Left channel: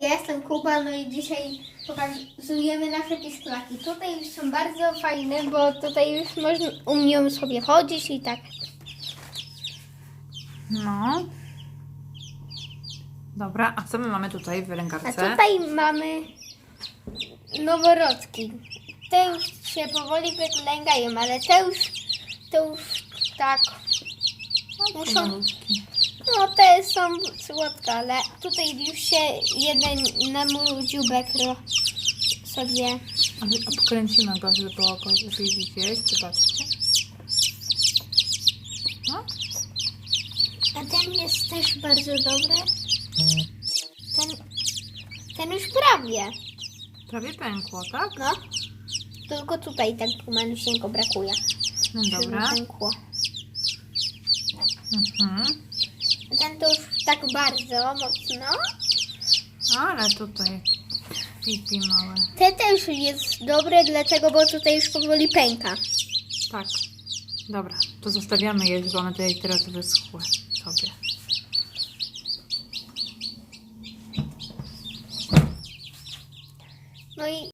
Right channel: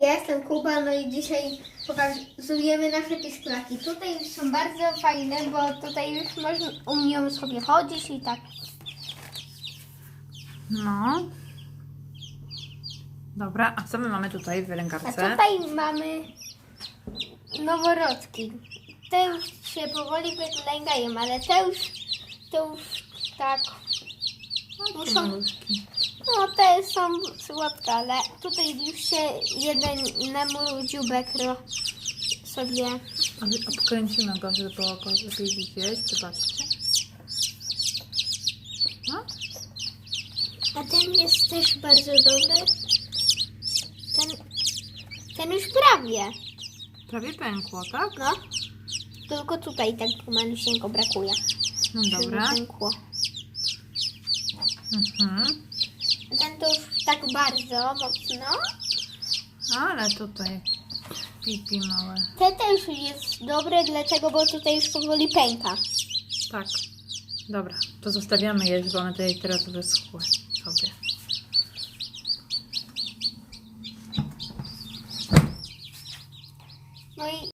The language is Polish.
Ja jestem Kuba, no i dzisiaj pokazujemy nasze piszczaki. Tutaj już są bardzo fajne, bo tutaj już można, umieją sobie chodzić i tak. No. Dobra, a co my mamy tutaj w A rękawce? tutaj mamy noworodki. Te już się powoli wyglądają, ale te już, te już tak. No, muszą- malutki. No te są słodkie, ale tutaj już się jeden na mój dziubek ro- sobie. Obkręcimy go, żeby było go lepiej widzieć. Zobaczcie. No. A ten jest też bardzo dobry. Ten, ten już prawie. Prawie pękło, tak? No. Tylko tutaj tak malusieńko brakuje. No dobra. pękło. Mhm. Już tak bardzo mocno. Ale tutaj pipi małe. Te też jest dobre, dlatego, bo tutaj już powoli pęka. Tak. Dobra, to zostawiamy je, bo one tutaj teraz wyschły sobie. No i